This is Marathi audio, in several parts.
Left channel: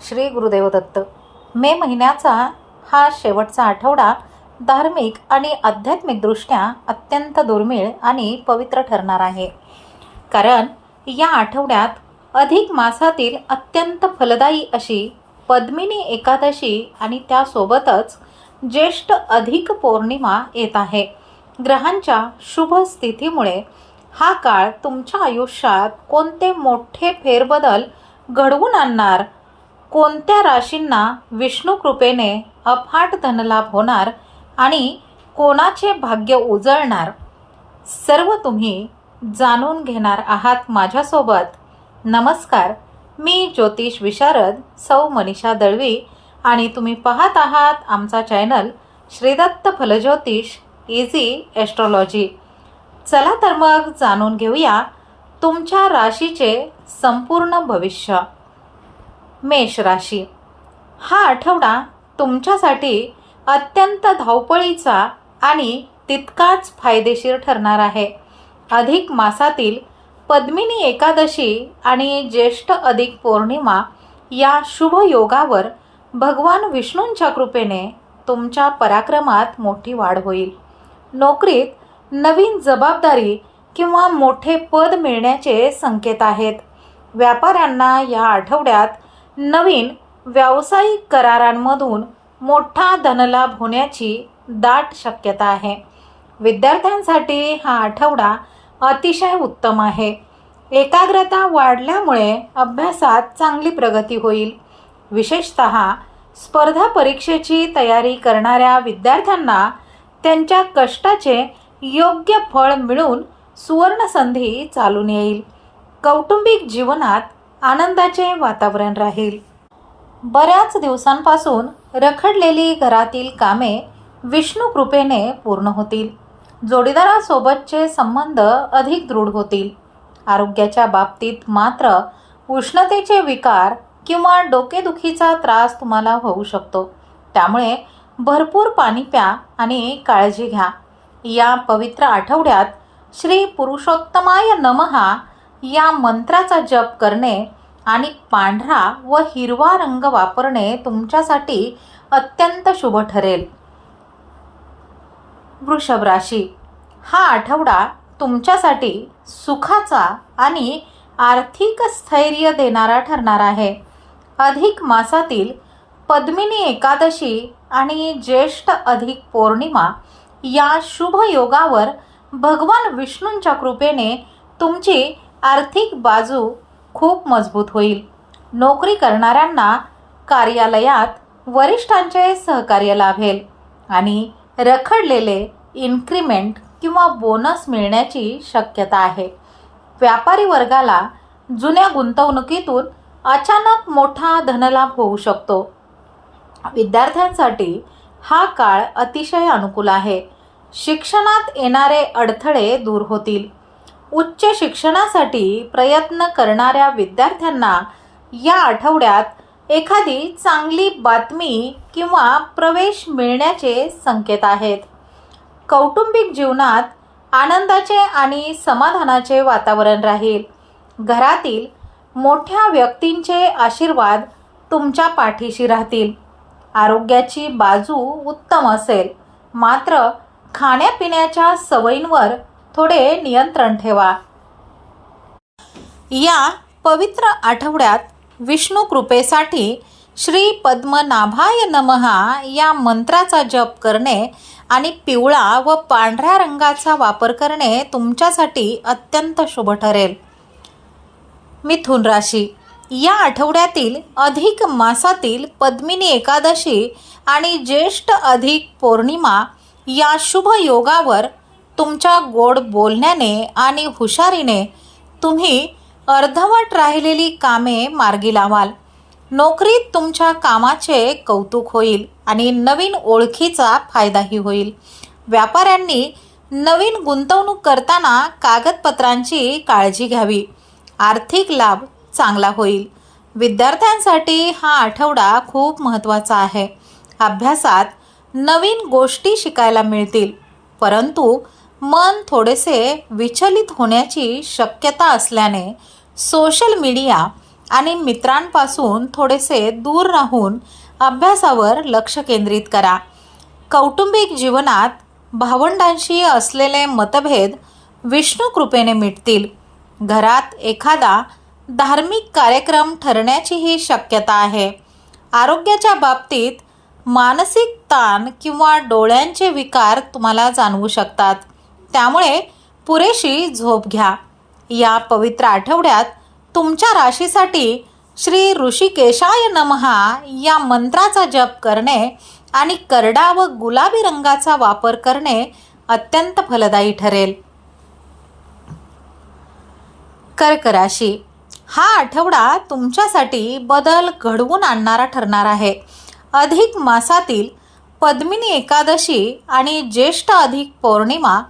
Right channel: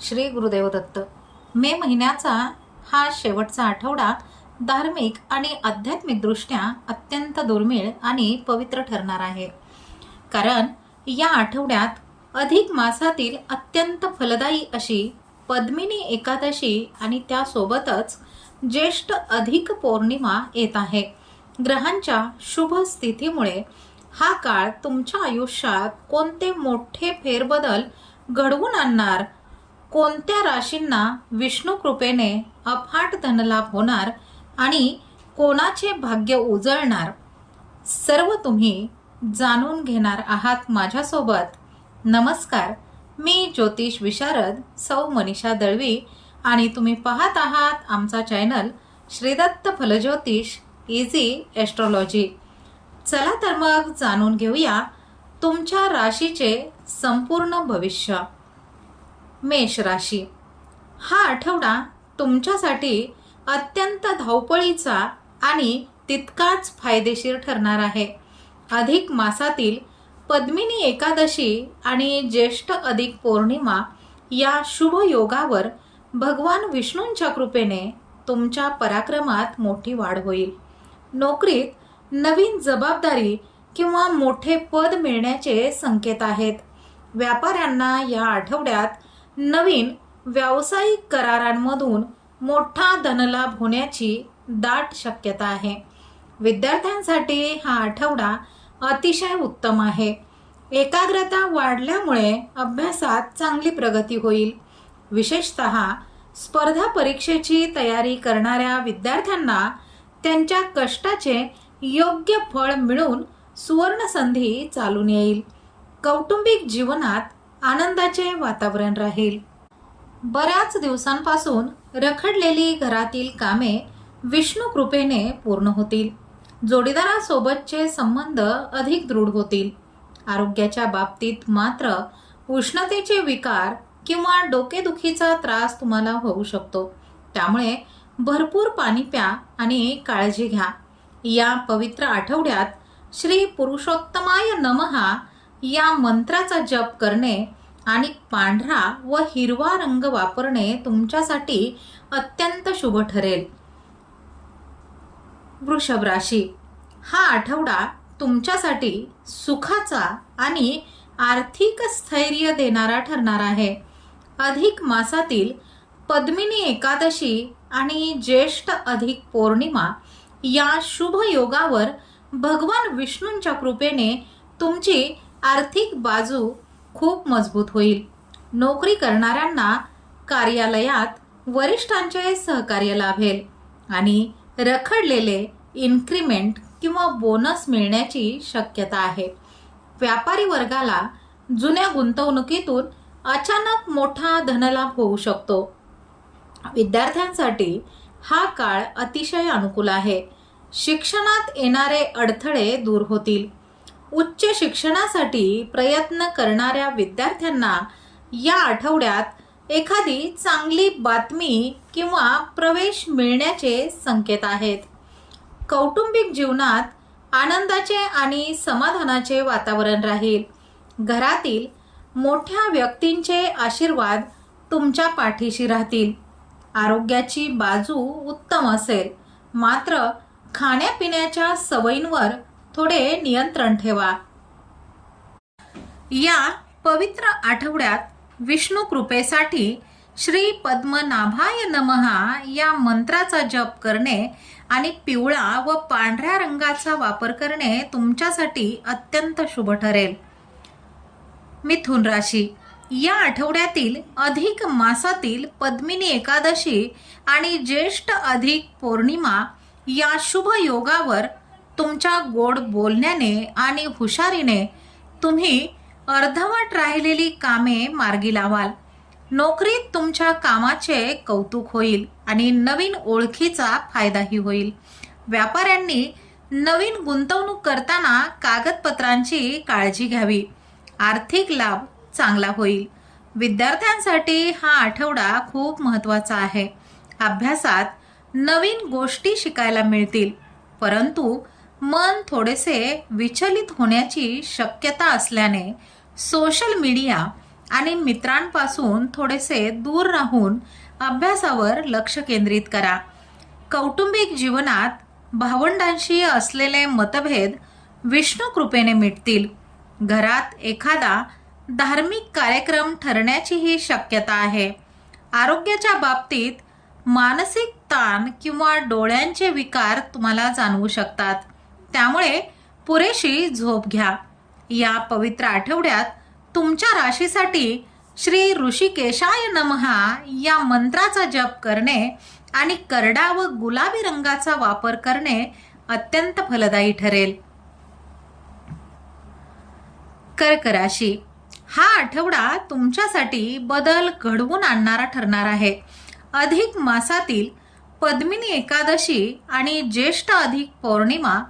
श्री गुरुदेव दत्त. मे महिन्याचा हा शेवटचा आठवडा धार्मिक आणि आध्यात्मिकदृष्ट्या अत्यंत दुर्मिळ आणि पवित्र ठरणार आहे. कारण या आठवड्यात अधिक मासातील अत्यंत फलदायी अशी पद्मिनी एकादशी आणि त्यासोबतच ज्येष्ठ अधिक पौर्णिमा येत आहे. ग्रहांच्या शुभ स्थितीमुळे हा काळ तुमच्या आयुष्यात कोणते मोठे फेरबदल घडवून आणणार, कोणत्या राशींना विष्णू कृपेने अफाट धनलाभ होणार आणि कोणाचे भाग्य उजळणार, सर्व तुम्ही जाणून घेणार आहात माझ्यासोबत. नमस्कार, मी ज्योतिष विशारद सौ मनीषा दळवी आणि तुम्ही पाहत आहात आमचा चॅनल श्रीदत्त फलज्योतिष इझी ॲस्ट्रॉलॉजी. चला तर मग जाणून घेऊया तुमच्या राशीचे संपूर्ण भविष्य. मेष राशी. हा आठवडा तुमच्यासाठी अत्यंत धावपळीचा आणि तितकाच फायदेशीर ठरणार आहे. अधिक मासातील पद्मिनी एकादशी आणि ज्येष्ठ अधिक पौर्णिमा या शुभ योगावर भगवान विष्णूंच्या कृपेने तुमच्या पराक्रमात मोठी वाढ होईल. नोकरीत नवीन जबाबदारी किंवा मोठे पद मिळण्याचे संकेत आहेत. व्यापाऱ्यांना या आठवड्यात नवीन व्यावसायिक करारांमधून मोठा धनलाभ होण्याची दाट शक्यता आहे. विद्यार्थ्यांसाठी हा आठवडा अतिशय उत्तम आहे. एकाग्रता वाढल्यामुळे अभ्यासात चांगली प्रगती होईल. विशेषतः स्पर्धा परीक्षेची तयारी करणाऱ्या विद्यार्थ्यांना त्यांच्या कष्टाचे योग्य फळ मिळून सुवर्णसंधी चालून येईल. कौटुंबिक जीवनात आनंदाचे वातावरण राहील. बऱ्याच दिवसांपासून रखडलेली घरातील कामे विष्णू कृपेने पूर्ण होतील. जोडीदारासोबतचे संबंध अधिक दृढ होतील. आरोग्याच्या बाबतीत मात्र उष्णतेचे विकार किंवा डोकेदुखीचा त्रास तुम्हाला होऊ शकतो. त्यामुळे भरपूर पाणी प्या आणि काळजी घ्या. या पवित्र आठवड्यात श्री पुरुषोत्तमाय नमहा या मंत्राचा जप करणे आणि पांढरा व हिरवा रंग वापरणे तुमच्यासाठी अत्यंत शुभ ठरेल. वृषभ राशी. हा आठवडा तुमच्यासाठी सुखाचा आणि आर्थिक स्थैर्य देणारा ठरणार आहे. अधिक मासातील पद्मिनी एकादशी आणि ज्येष्ठ अधिक पौर्णिमा या शुभ योगावर भगवान विष्णूंच्या कृपेने तुमची आर्थिक बाजू खूप मजबूत होईल. नोकरी करणाऱ्यांना कार्यालयात वरिष्ठांचे सहकार्य लाभेल आणि रखडलेले इन्क्रिमेंट किंवा बोनस मिळण्याची शक्यता आहे. व्यापारी वर्गाला जुन्या गुंतवणुकीतून अचानक मोठा धनलाभ होऊ शकतो. विद्यार्थ्यांसाठी हा काळ अतिशय अनुकूल आहे. शिक्षणात येणारे अडथळे दूर होतील. उच्च शिक्षणासाठी प्रयत्न करणाऱ्या विद्यार्थ्यांना या आठवड्यात एखादी चांगली बातमी किंवा प्रवेश मिळण्याचे संकेत आहेत. कौटुंबिक जीवनात आनंदाचे आणि समाधानाचे वातावरण राहील. घरातील मोठ्या व्यक्तींचे आशीर्वाद तुमच्या पाठीशी राहतील. आरोग्याची बाजू उत्तम असेल, मात्र खाण्यापिण्याच्या सवयींवर थोडे नियंत्रण ठेवा. या पवित्र आठवड्यात विष्णू कृपेसाठी श्री पद्मनाभाय नमहा या मंत्राचा जप करणे आणि पिवळा व पांढऱ्या रंगाचा वापर करणे तुमच्यासाठी अत्यंत शुभ ठरेल. मिथुन राशी. या आठवड्यातील अधिक मासातील पद्मिनी एकादशी आणि ज्येष्ठ अधिक पौर्णिमा या शुभ योगावर तुमच्या गोड बोलण्याने आणि हुशारीने तुम्ही अर्धवट राहिलेली कामे मार्गी लावाल. नोकरीत तुमच्या कामाचे कौतुक होईल आणि नवीन ओळखीचा फायदाही होईल. व्यापाऱ्यांनी नवीन गुंतवणूक करताना कागदपत्रांची काळजी घ्यावी. आर्थिक लाभ चांगला होईल. विद्यार्थ्यांसाठी हा आठवडा खूप महत्त्वाचा आहे. अभ्यासात नवीन गोष्टी शिकायला मिळतील, परंतु मन थोडेसे विचलित होण्याची शक्यता असल्याने सोशल मीडिया आणि मित्रांपासून थोडेसे दूर राहून अभ्यासावर लक्ष केंद्रित करा. कौटुंबिक जीवनात भावंडांशी असलेले मतभेद विष्णू कृपेने मिटतील. घरात एखादा धार्मिक कार्यक्रम ठरण्याचीही शक्यता आहे. आरोग्याच्या बाबतीत मानसिक ताण किंवा डोळ्यांचे विकार तुम्हाला जाणवू शकतात, त्यामुळे पुरेशी झोप घ्या. या पवित्र आठवड्यात तुमच्या राशीसाठी श्री ऋषिकेशाय नमहा या मंत्राचा जप करणे आणि करडा व गुलाबी रंगाचा वापर करणे अत्यंत फलदायी ठरेल. कर्क राशी, हा आठवडा तुमच्यासाठी बदल घडवून आणणारा ठरणार आहे. अधिक मासातील पद्मिनी एकादशी आणि ज्येष्ठ अधिक पौर्णिमा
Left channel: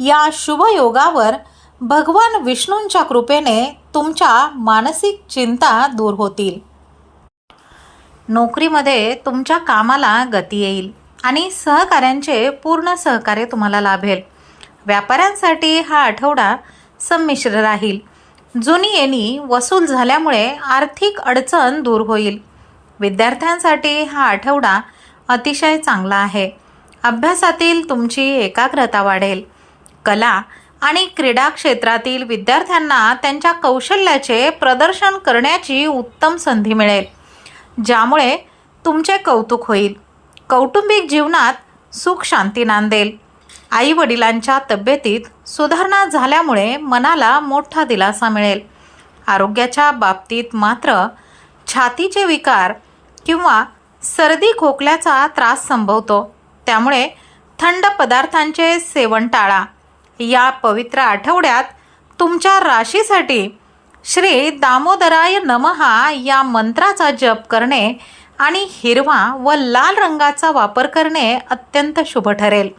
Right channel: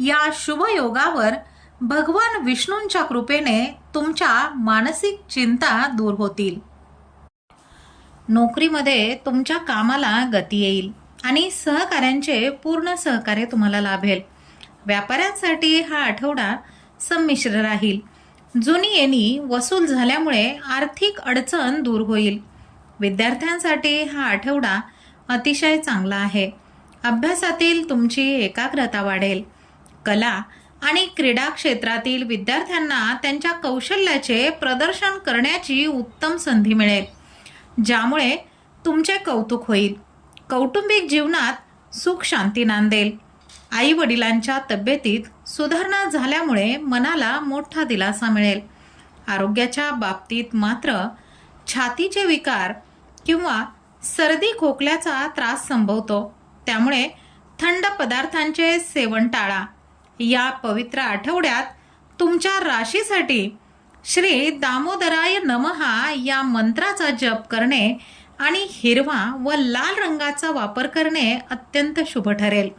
या शुभ योगावर भगवान विष्णूंच्या कृपेने तुमच्या मानसिक चिंता दूर होतील. नोकरीमध्ये तुमच्या कामाला गती येईल आणि सहकाऱ्यांचे पूर्ण सहकार्य तुम्हाला लाभेल. व्यापाऱ्यांसाठी हा आठवडा संमिश्र राहील. जुनी येणी वसूल झाल्यामुळे आर्थिक अडचण दूर होईल. विद्यार्थ्यांसाठी हा आठवडा अतिशय चांगला आहे. अभ्यासातील तुमची एकाग्रता वाढेल. कला आणि क्रीडा क्षेत्रातील विद्यार्थ्यांना त्यांच्या कौशल्याचे प्रदर्शन करण्याची उत्तम संधी मिळेल, ज्यामुळे तुमचे कौतुक होईल. कौटुंबिक जीवनात सुख शांती नांदेल. आई वडिलांच्या तब्येतीत सुधारणा झाल्यामुळे मनाला मोठा दिलासा मिळेल. आरोग्याच्या बाबतीत मात्र छातीचे विकार किंवा सर्दी खोकल्याचा त्रास संभवतो, त्यामुळे थंड पदार्थांचे सेवन टाळा. या पवित्र आठवड्यात तुमच्या राशीसाठी श्री दामोदराय नमहा या मंत्राचा जप करणे आणि हिरवा व लाल रंगाचा वापर करणे अत्यंत शुभ ठरेल.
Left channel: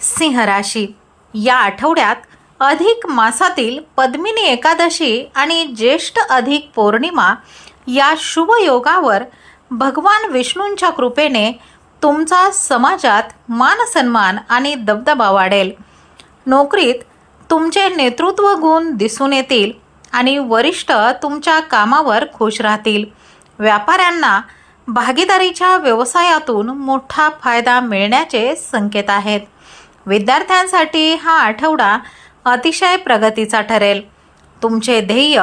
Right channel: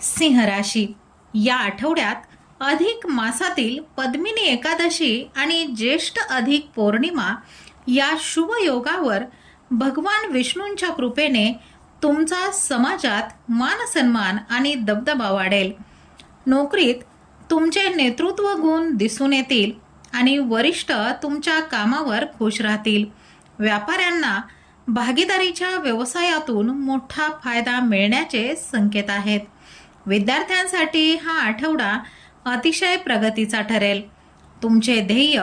सिंह राशी, या आठवड्यात अधिक मासातील पद्मिनी एकादशी आणि ज्येष्ठ अधिक पौर्णिमा या शुभ योगावर भगवान विष्णूंच्या कृपेने तुमचा समाजात मानसन्मान आणि दबदबा वाढेल. नोकरीत तुमचे नेतृत्व गुण दिसून येतील आणि वरिष्ठ तुमच्या कामावर खुश राहतील. व्यापाऱ्यांना भागीदारीच्या व्यवसायातून मोठा फायदा मिळण्याचे संकेत आहेत. विद्यार्थ्यांसाठी हा आठवडा अतिशय प्रगतीचा ठरेल. तुमचे ध्येय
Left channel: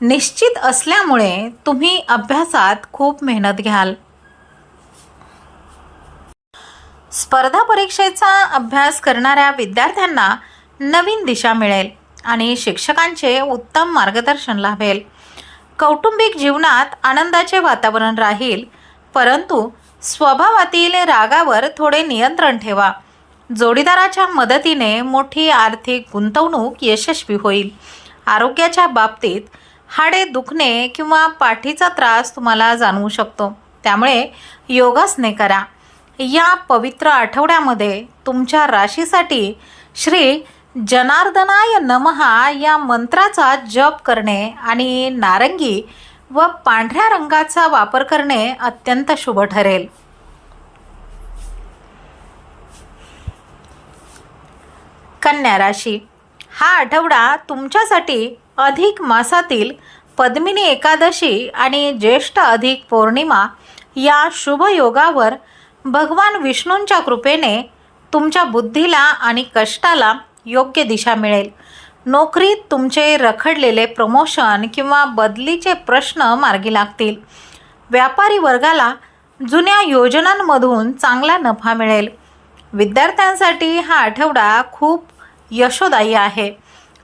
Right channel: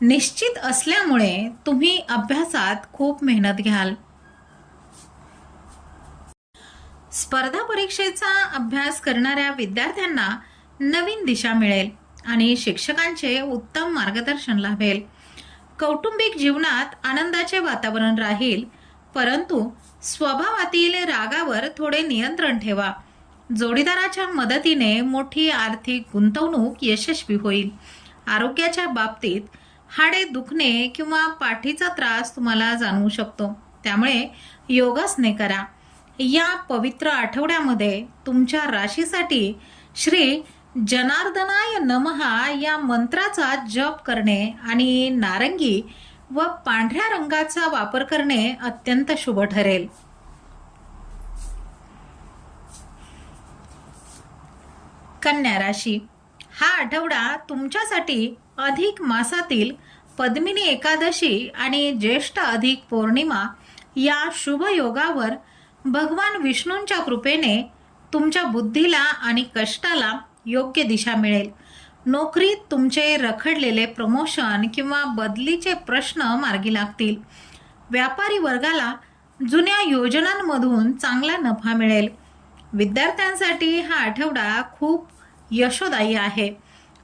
निश्चित असल्यामुळे तुम्ही अभ्यासात खूप मेहनत घ्याल. स्पर्धा परीक्षेचा अभ्यास करणाऱ्या विद्यार्थ्यांना नवीन दिशा मिळेल आणि शिक्षकांचे उत्तम मार्गदर्शन लाभेल. कौटुंबिक जीवनात आनंदाचे वातावरण राहील, परंतु स्वभावातील रागावर थोडे नियंत्रण ठेवा. जोडीदाराच्या मदतीने मोठी आर्थिक गुंतवणूक यशस्वी होईल. आरोग्याच्या बाबतीत हाडे दुखणे किंवा पाठीचा त्रास तुम्हाला जाणवू शकतो, त्यामुळे योगासने करा. या पवित्र आठवड्यामध्ये तुमच्या राशीसाठी श्री जनार्दनाय नमहा या मंत्राचा जप करणे आणि नारंगी व पांढऱ्या रंगाचा वापर करणे अत्यंत शुभ ठरेल. कन्या राशी, हा आठवडा तुमच्यासाठी अधिक मासातील पद्मिनी एकादशी आणि ज्येष्ठ अधिक पौर्णिमा या शुभ योगावर भगवान विष्णूंच्या कृपेने तुमच्या बुद्धीला आणि कष्टाला योग्य दिशा मिळेल. नोकरीत तुमचे रखडलेले प्रमोशन किंवा बदलीचे प्रश्न मार्गी लागतील. व्यापारी वर्गाला जुन्या योजनांमधून चांगला नफा मिळेल. विद्यार्थ्यांसाठी हा आठवडा खूप यशोदायी आहे.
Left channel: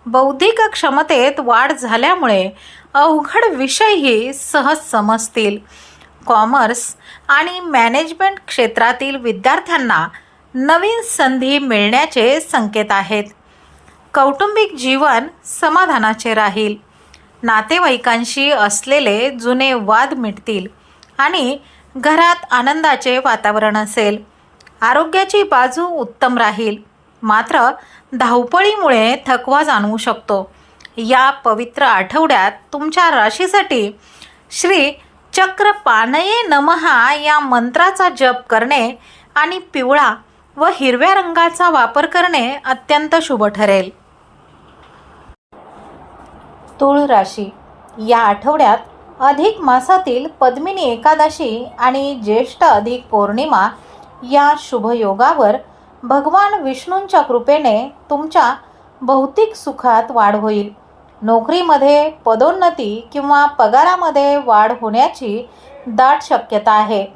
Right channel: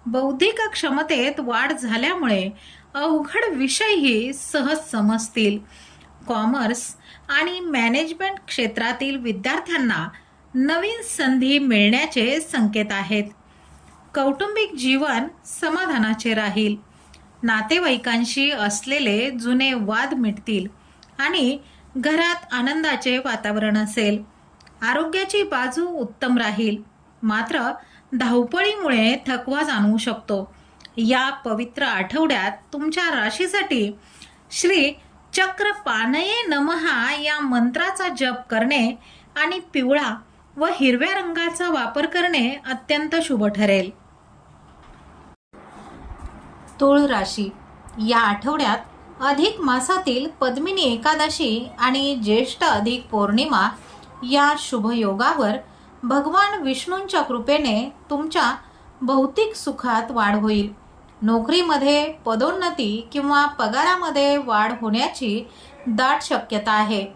बौद्धिक क्षमतेत वाढ झाल्यामुळे अवघड विषयही सहज समजतील. कॉमर्स आणि मॅनेजमेंट क्षेत्रातील विद्यार्थ्यांना नवीन संधी मिळण्याचे संकेत आहेत. कौटुंबिक जीवन समाधानाचे राहील. नातेवाईकांशी असलेले जुने वाद मिटतील आणि घरात आनंदाचे वातावरण असेल. आरोग्याची बाजू उत्तम राहील, मात्र धावपळीमुळे थकवा जाणवू शकतो. या पवित्र आठवड्यात तुमच्या राशीसाठी श्री चक्रपाणये नमहा या मंत्राचा जप करणे आणि पिवळा व हिरव्या रंगाचा वापर करणे अत्यंत शुभ ठरेल. तुळ राशी. या आठवड्यात अधिक मासातील पद्मिनी एकादशी आणि ज्येष्ठ अधिक पौर्णिमा या शुभयोगावर भगवान विष्णूंच्या कृपेने तुमच्या भौतिक सुखात वाढ होईल. नोकरीमध्ये पदोन्नती किंवा पगारामध्ये वाढ होण्याची दाट शक्यता आहे.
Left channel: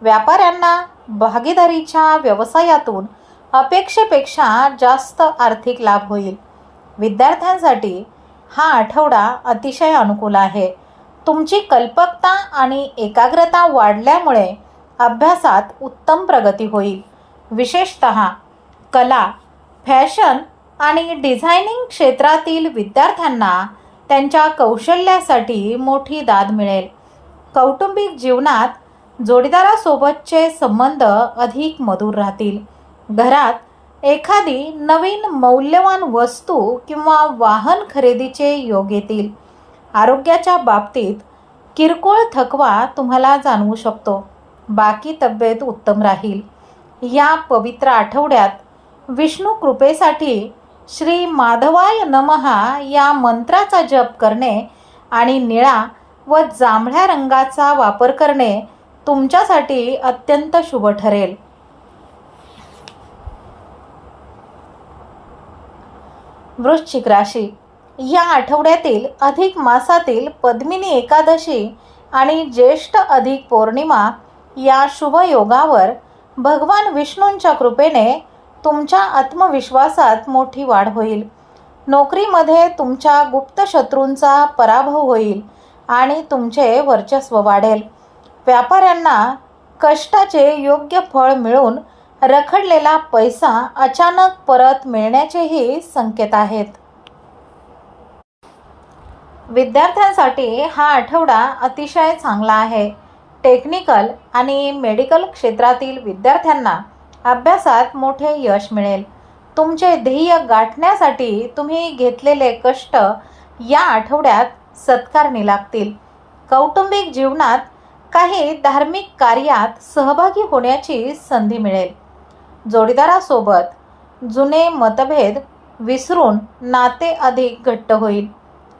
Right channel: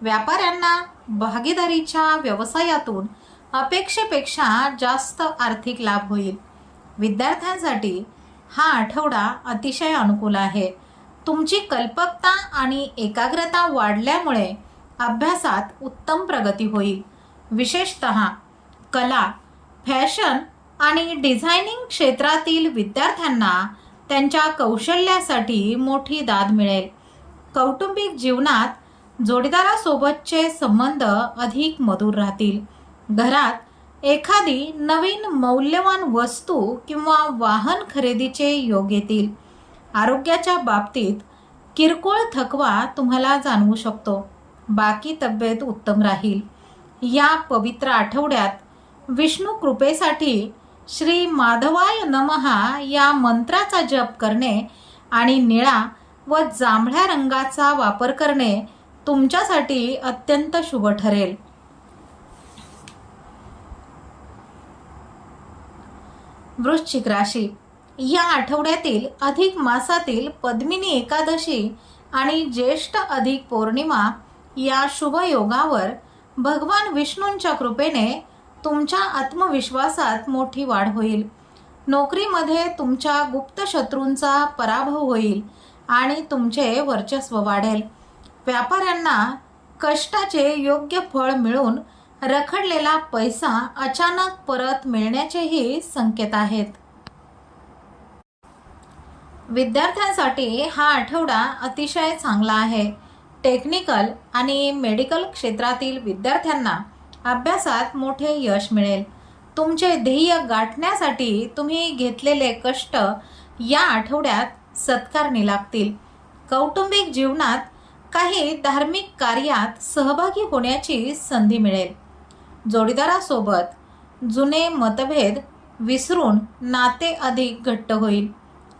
व्यापाऱ्यांना भागीदारीच्या व्यवसायातून अपेक्षेपेक्षा जास्त आर्थिक लाभ होईल. विद्यार्थ्यांसाठी हा आठवडा अतिशय अनुकूल आहे. तुमची कल्पकता आणि एकाग्रता वाढल्यामुळे अभ्यासात उत्तम प्रगती होईल. विशेषतः कला, फॅशन आणि डिझायनिंग क्षेत्रातील विद्यार्थ्यांना त्यांच्या कौशल्यासाठी मोठी दाद मिळेल. कौटुंबिक जीवनात जोडीदारासोबतचे संबंध अधिक मधुर राहतील. घरात एखादी नवीन मौल्यवान वस्तू किंवा वाहन खरेदीचे योग येतील. आरोग्याच्या बाबतीत किरकोळ थकवा तुम्हाला जाणवू शकतो. बाकी तब्येत उत्तम राहील. या पवित्र आठवड्यात विष्णू कृपेसाठी श्री माधवाय नमहा या मंत्राचा जप करणे आणि निळा व जांभळ्या रंगाचा वापर करणे तुमच्यासाठी अत्यंत शुभ ठरेल. वृश्चिक राशी. या आठवड्यातील अधिक मासातील पद्मिनी एकादशी आणि ज्येष्ठ अधिक पौर्णिमा या शुभयोगावर भगवान विष्णूंच्या कृपेने तुमच्या आत्मविश्वासात मोठी वाढ होईल. नोकरीमध्ये तुमच्या गुप्त शत्रूंचा पराभव होईल आणि तुमचे वर्चस्व वाढेल. व्यापाऱ्यांना कष्टाचे योग्य फळ मिळून रखडलेला पैसा अचानक परत मिळण्याचेही संकेत आहेत. विद्यार्थ्यांसाठी हा आठवडा अतिशय चांगला आहे. टेक्निकल आणि मेडिकल क्षेत्रातील विद्यार्थ्यांना अभ्यासात मोठे यश मिळेल. तुमचे ध्येय गाठण्यासाठी तुम्ही घेतलेले कष्ट या आठवड्यात सत्कारणी लागतील. कौटुंबिक जीवनात काही धार्मिक कार्यात सहभागी होण्याची संधी मिळेल. जोडीदारासोबत जुने मतभेद विसरून नाते अधिक घट्ट होईल.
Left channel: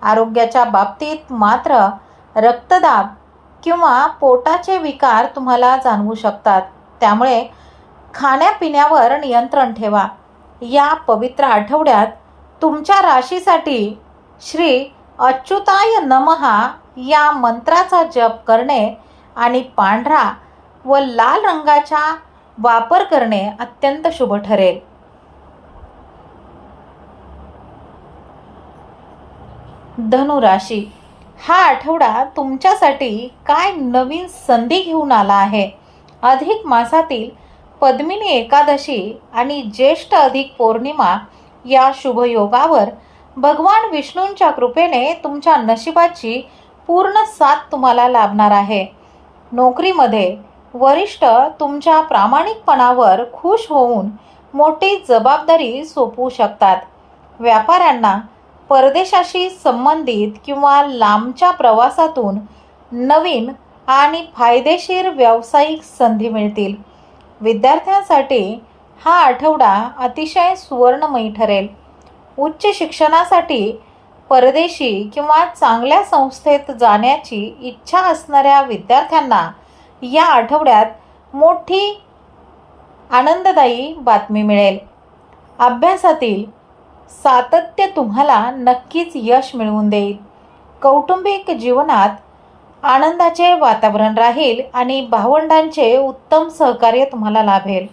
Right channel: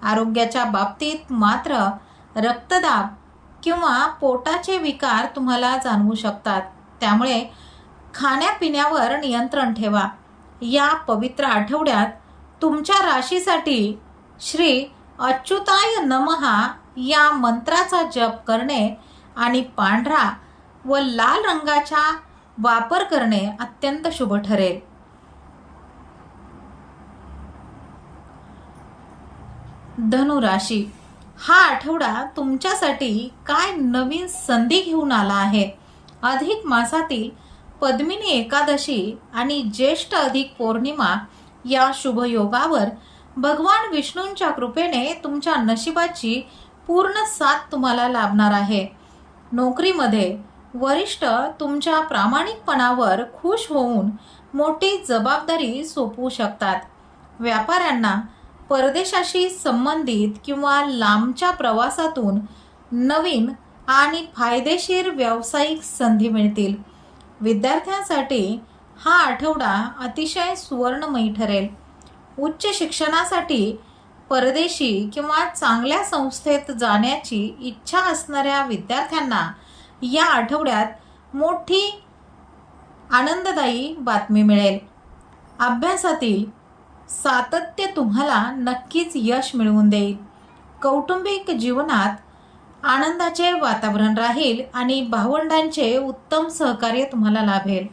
आरोग्याच्या बाबतीत मात्र रक्तदाब किंवा पोटाचे विकार तुम्हाला जाणवू शकतात. त्यामुळे खाण्यापिण्यावर नियंत्रण ठेवा. या पवित्र आठवड्यात तुमच्या राशीसाठी श्री अच्युताय नमहा या मंत्राचा जप करणे आणि पांढरा व लाल रंगाचा वापर करणे अत्यंत शुभ ठरेल. धनु राशी. हा आठवडा तुमच्यासाठी काय नवीन संधी घेऊन आला आहे. अधिक मासातील पद्मिनी एकादशी आणि ज्येष्ठ अधिक पौर्णिमा या शुभयोगावर भगवान विष्णूंच्या कृपेने तुमच्या नशिबाची पूर्ण साथ तुम्हाला लाभणार आहे. नोकरीमध्ये वरिष्ठ तुमच्या प्रामाणिकपणावर खुश होऊन मोठी जबाबदारी सोपवू शकतात. व्यापाऱ्यांना परदेशाशी संबंधित किंवा लांबच्या प्रवासातून नवीन आणि फायदेशीर व्यावसायिक संधी मिळतील. विद्यार्थ्यांसाठी हा आठवडा अतिशय सुवर्णमयी ठरेल. उच्च शिक्षणासाठी परदेशी किंवा चांगल्या संस्थेत जाण्याची इच्छा असणाऱ्या विद्यार्थ्यांना या आठवड्यात मोठी आनंददायी बातमी मिळेल. अभ्यासातील सातत्य तुम्हाला नक्कीच यश मिळवून देईल. कौटुंबिक जीवनात आनंदाचे वातावरण राहील आणि भावंडांचे उत्तम सहकार्य तुम्हाला लाभेल.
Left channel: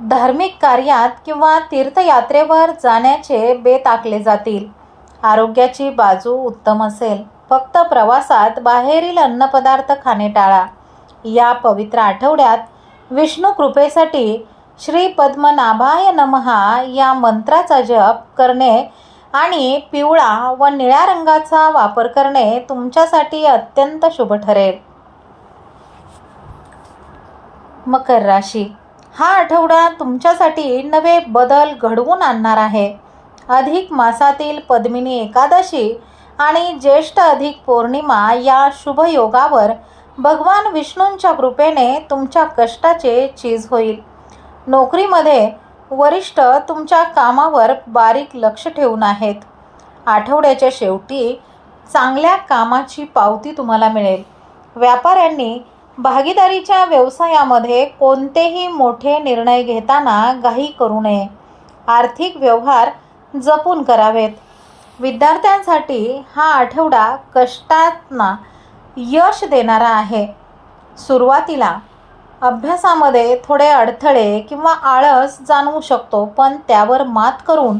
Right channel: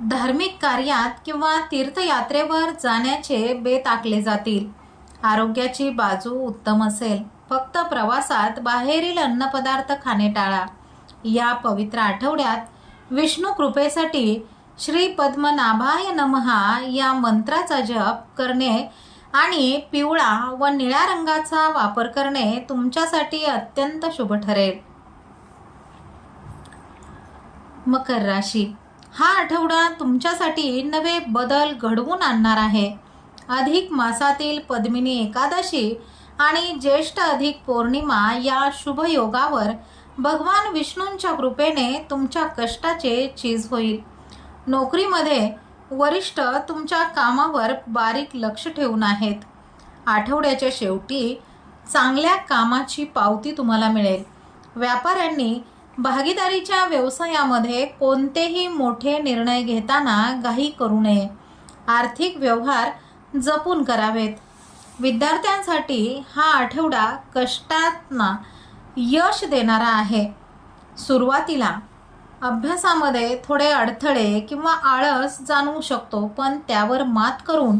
धार्मिक कार्यात किंवा तीर्थयात्रेवर जाण्याचे बेत आखले जातील. आरोग्याची बाजू उत्तम असेल. फक्त प्रवासात बाहेरील अन्नपदार्थ खाणे टाळा. या पवित्र आठवड्यात विष्णू कृपेसाठी श्री पद्मनाभाय नमहा या मंत्राचा जप करणे आणि पिवळा व निळ्या रंगाचा वापर करणे तुमच्यासाठी अत्यंत शुभ ठरेल. मकर राशी. हा आठवडा तुमच्यासाठी नवे बदल घडवून आणणार आहे. अधिक मासातील पद्मिनी एकादशी आणि ज्येष्ठ अधिक पौर्णिमा या शुभयोगावर भगवान विष्णूंच्या कृपेने तुमच्या कष्टाचे चीज होईल. नोकरीमध्ये वरिष्ठ तुमच्या कामावर बारीक लक्ष ठेवून आहेत. आठवड्याच्या शेवटी चांगल्या कामाची पावती तुम्हाला मिळेल. व्यापाऱ्यांनी भागीदारीच्या व्यवसायामध्ये कोणतेही मोठे निर्णय घेताना घाई करू नये. आर्थिक व्यवहार जपून करावेत. विद्यार्थ्यांसाठी हा आठवडा कष्टांना यश देणारा आहे. सुरुवातीला अभ्यासामध्ये थोडे अडथळे किंवा आळस जाणवू शकतो, पण त्यावर मात करून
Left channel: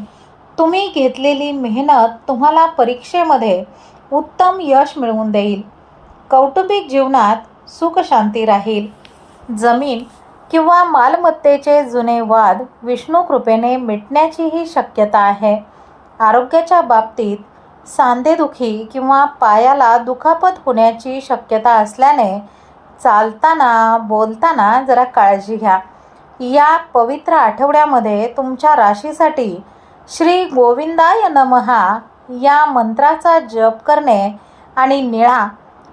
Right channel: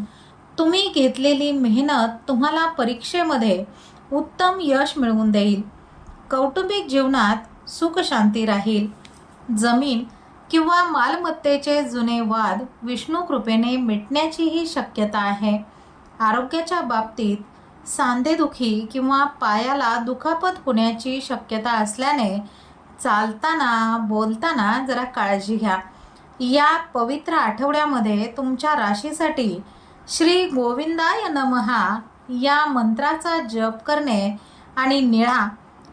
तुम्ही घेतलेली मेहनत तुम्हाला परीक्षेमध्ये उत्तम यश मिळवून देईल. कौटुंबिक जीवनात सुखशांती राहील. जमीन किंवा मालमत्तेचे जुने वाद विष्णू कृपेने मिटण्याचीही शक्यता आहे. आरोग्याच्या बाबतीत सांधेदुखी किंवा पायाला दुखापत होण्याची शक्यता असल्याने चालताना बोलताना जरा काळजी घ्या. या पवित्र आठवड्यामध्ये तुमच्या राशीसाठी श्री गोविंदाय नमहा या मंत्राचा जप करणे आणि निळा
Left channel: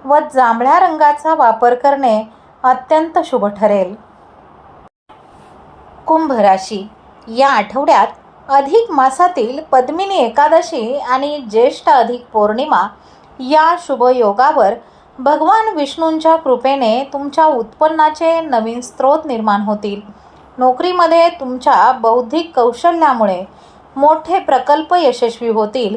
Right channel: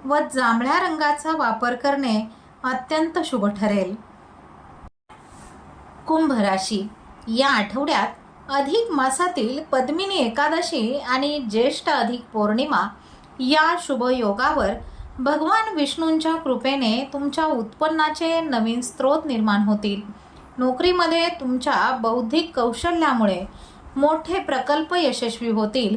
व जांभळ्या रंगाचा वापर करणे अत्यंत शुभ ठरेल. कुंभ राशी. या आठवड्यात अधिक मासातील पद्मिनी एकादशी आणि ज्येष्ठ अधिक पौर्णिमा या शुभ योगावर भगवान विष्णूंच्या कृपेने तुमच्या उत्पन्नाचे नवीन स्रोत निर्माण होतील. नोकरीमध्ये तुमच्या बौद्धिक कौशल्यामुळे मोठे प्रकल्प यशस्वी होतील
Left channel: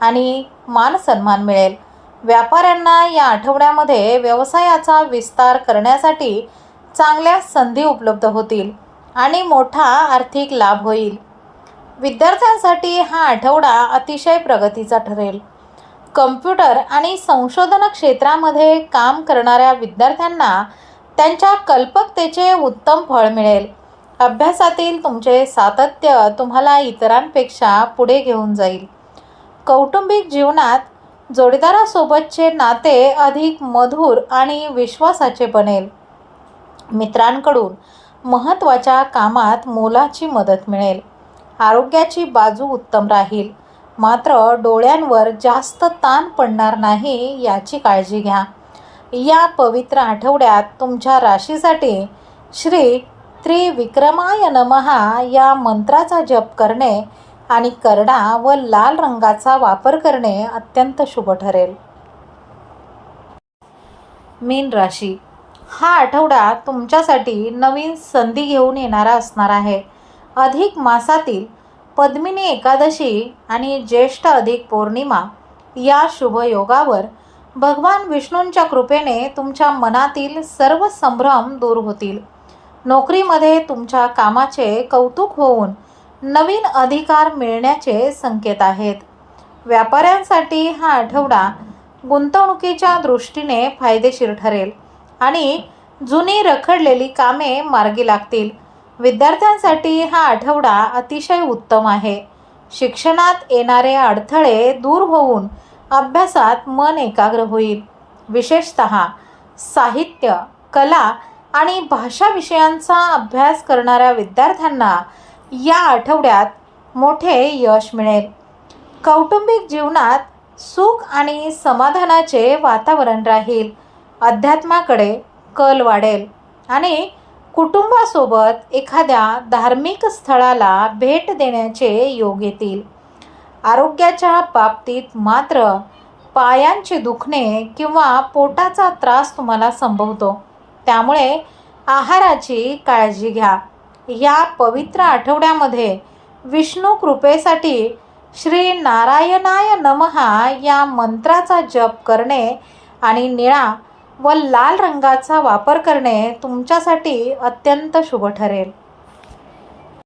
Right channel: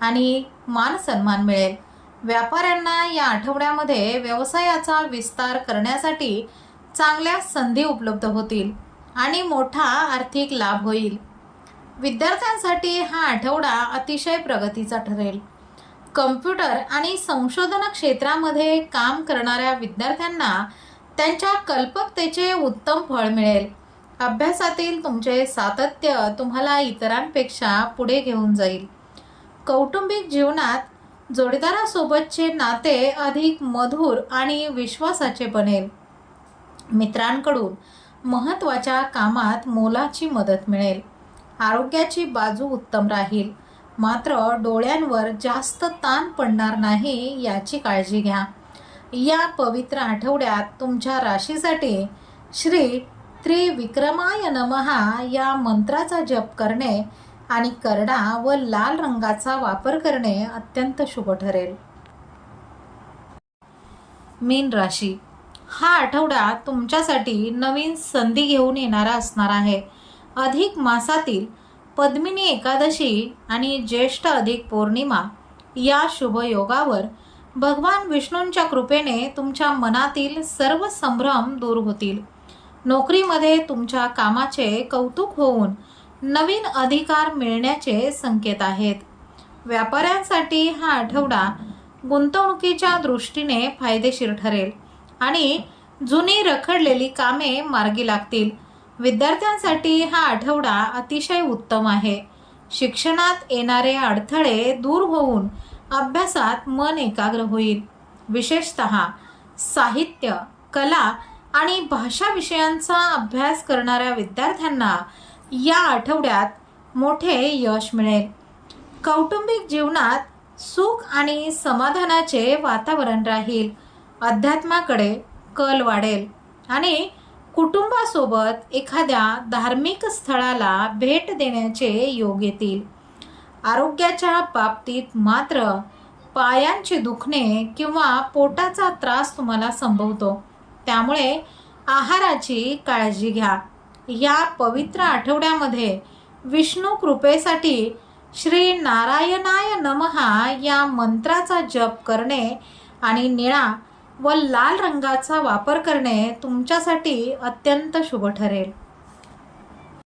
आणि मानसन्मान मिळेल. व्यापाऱ्यांना या आठवड्यामध्ये व्यवसायाचा विस्तार करण्यासाठी चांगल्या संधी उपलब्ध होतील आणि मोठा आर्थिक लाभ होईल. विद्यार्थ्यांसाठी हा आठवडा अतिशय प्रगतीचा ठरेल. कम्प्युटर आणि संशोधन क्षेत्रामध्ये काम करणाऱ्या विद्यार्थ्यांना त्यांच्या कल्पकतेचे उत्तम फळ मिळेल. अभ्यासातील तुमचे सातत्य तुम्हाला इतरांपेक्षा पुढे घेऊन जाईल. कौटुंबिक जीवनात जोडीदारासोबतचे नाते अधिक मधुर आणि विश्वासाचे बनेल. मित्रांकडून महत्त्वाच्या कामात मोलाची मदत मिळेल. आरोग्याची बाजू उत्तम राहील, मात्र डोळ्यांवर जास्त ताण पडणार नाही याची काळजी घ्या. या पवित्र आठवड्यात तुमच्या राशीसाठी श्री त्रिविक्रमाय नमहा या मंत्राचा जप करणे आणि करडा व लाल रंगाचा वापर करणे अत्यंत शुभ ठरेल. मीन राशी. हा आठवडा तुमच्यासाठी नवीन संधी घेऊन येणारा असणार आहे. अधिक मासातील पद्मिनी एकादशी आणि ज्येष्ठ अधिक पौर्णिमा या शुभ योगावर भगवान विष्णूंच्या कृपेने तुमच्या मनातील सर्व संभ्रम दूर होतील. नोकरीमध्ये तुमच्या कामाचे कौतुक होऊन नवीन अधिकार मिळण्याचे संकेत आहेत. व्यापाऱ्यांसाठी हा आठवडा गुंतवणुकीच्या दृष्टीने फायदेशीर ठरेल आणि जुनी रखडलेली कामे मार्गी लागतील. विद्यार्थ्यांसाठी हा आठवडा अतिशय उत्तम आहे. शिक्षणात येणारे अडथळे दूर होऊन अभ्यासात मन एकाग्र होईल. विशेषतः साहित्य, कला आणि भाषा विषयांचा अभ्यास करणाऱ्या विद्यार्थ्यांना या आठवड्यात मोठे यश मिळेल. कौटुंबिक जीवनात सुख आणि समाधानाचे वातावरण राहील. अध्यात्माकडे कल वाढेल आणि कुटुंबासोबत एखाद्या धार्मिक स्थळाला भेट देण्याचे योग येतील. आरोग्याच्या बाबतीत मात्र पायांचे दुखणे किंवा पोटाचा त्रास तुम्हाला संभवतो, त्यामुळे आहाराची काळजी घ्या. या पवित्र आठवड्यामध्ये विष्णू कृपेसाठी श्री नारायणाय नमहा या मंत्राचा जप करणे आणि निळा व लाल रंगाचा वापर करणे तुमच्यासाठी अत्यंत शुभ ठरेल.